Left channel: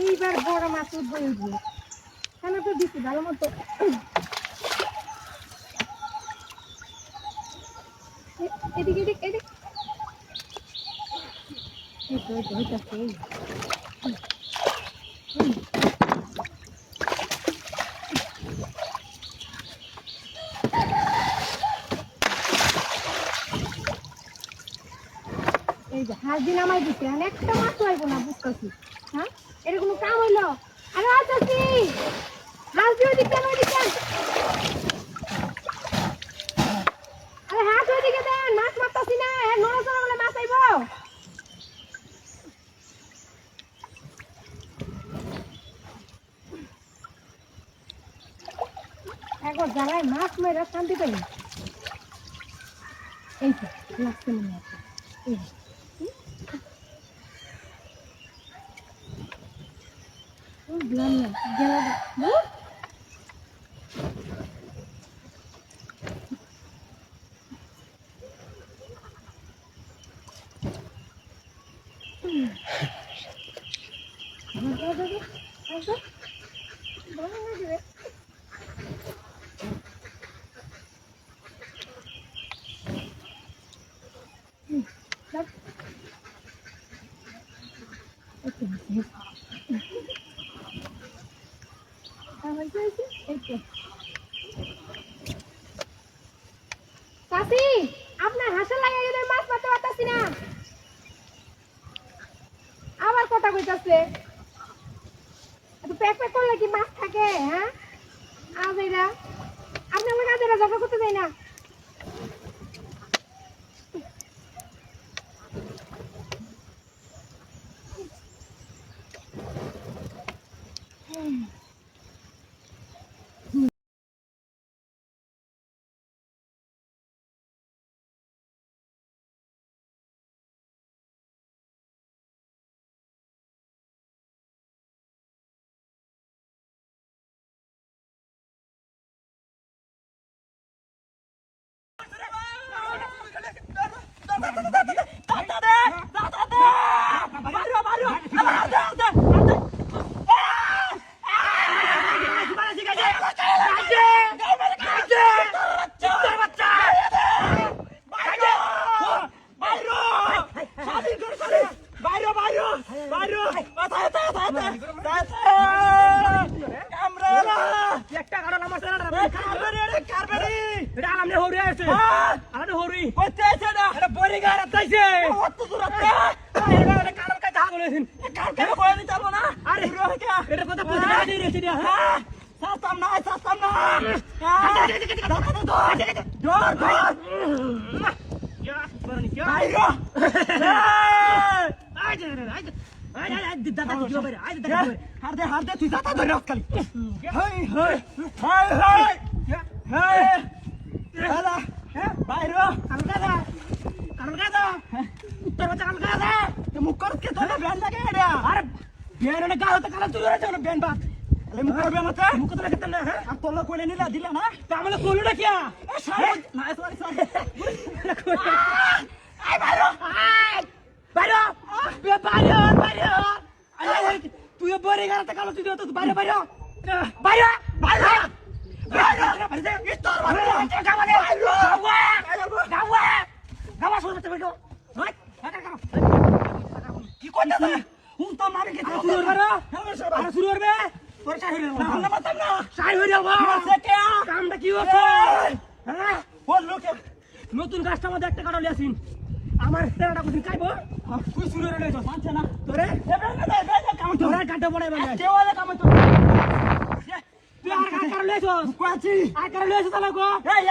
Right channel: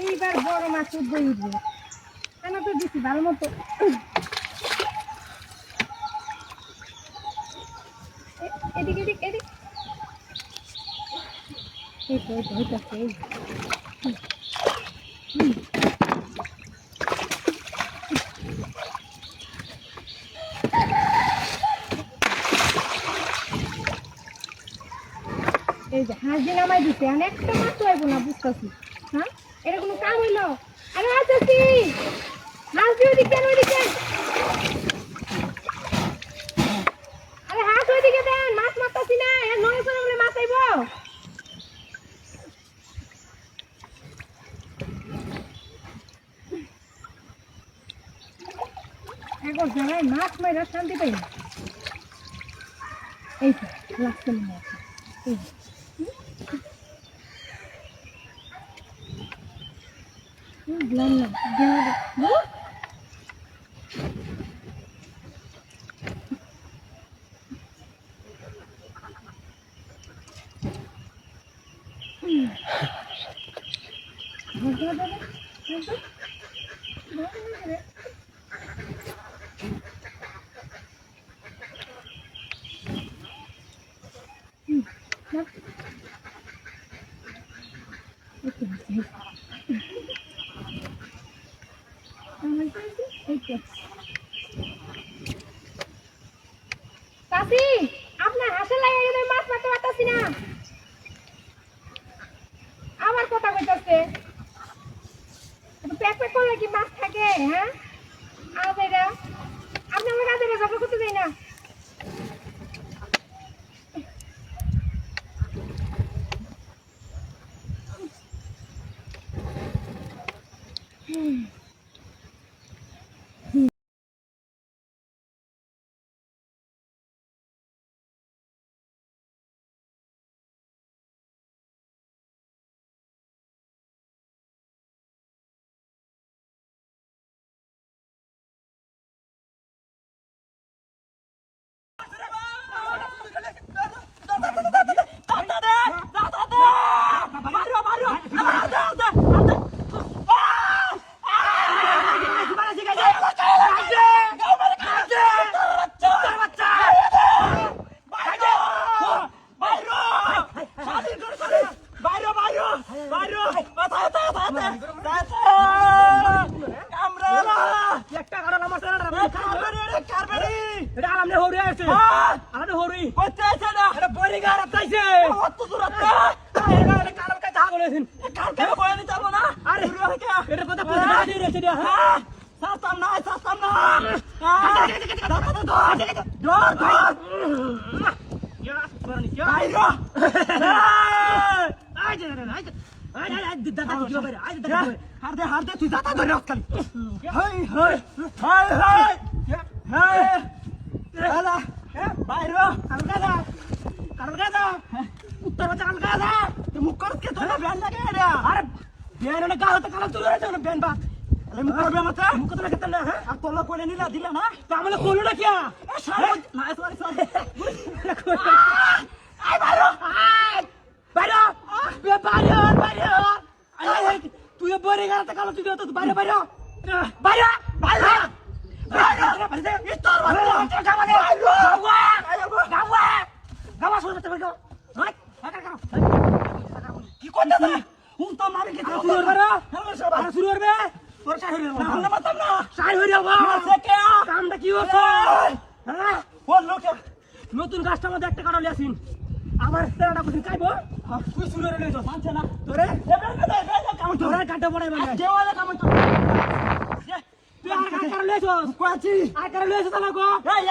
এইবার বড় মাছ উঠবে কেন তো দিচ্ছি ভালো মতো এদিকে এদিক এদিক এই তো এই যে হাঁস দিন আমায় দিচ্ছে আমি একটা মাছ লাগবো না বুঝতেছি হ্যাঁ এটা কোনো কাম হইলো আরে আসছি হাঁস দিয়ে ওইদিকে কেন ওইদিকে আরে হাঁস ওইদিকে দেন মাছ মারতাছি না নড়ে চড়ে বলে মাছ আইব একবার জানাই মাছ মেরে শান্তি পাই না এই তো লাগছে মনে আছে চাচি আপনার হাঁসের লাগে যদি মাছ মারতে পারতাছি না আবার কথা কইতাছে প্যাক প্যাক করলে কি মাছ থাকে হ্যাঁ আজ এরা আপনি আমার কাজে ঝগড়া করতে যাই না কারবারি এটা আলামনে হরি আছে আলামনে হরি কইতে আছে না এটা বড়ি গার আইছে অত দূর আছে এটা কালাম কাই থাক বলেছেন কার কে কই নি চলবো না আরে এটা কথা পয়সা দিয়ে রেখে দিয়া হ্যাঁ সাতাম না দৌড় ইয়া করনি কি আইরো দাদা কি হবে আই দাদা হার দে তুই দাতা ধরে খালি হাই হেলা আইরো কালকাদা উত্তর বাচ্চা কালকাদা তুই মুখ করত কে তোরা ব্যান লাগে রে আরে বেরনে গাল তো কালা তুই রে চলো বেন বাত আরে মুখ করবে মতে মুখ তো লাগতে না হ্যাঁ আর তোলা কইলে নিলা দিলা না তো আমলে কোলো না কিয়া এ সারা না সরি আই বাইরো বাইরে বে বাইরে আরে তুই বড়ি গার তো কালা তুই তো বাইরে বাইরে ইতর গাওয়া শুরু করতে পারো কি করতে না হুন তো মারি কে শুরু করবে আর শুরু করবে তোর চাই হইলো না মাতাম না সাই হয়ে যাবো মারছে কে কামটা কি হচ্ছে হ্যাঁ বল লোকে নতুন কাজটার মধ্যে একটা কারণ লিয়াছিন আমার তেরাটা কোথায় খাইবো তুই শুরু করে নিছ মানছে না তোরে এবার না দে কাম তো তোরা কাটে পড়াই মানে দেওয়ালে কাম তো তুই আর কারণ লিয়েছস কোয়াছি আর কারণ লিয়েছস তাহলে গো এই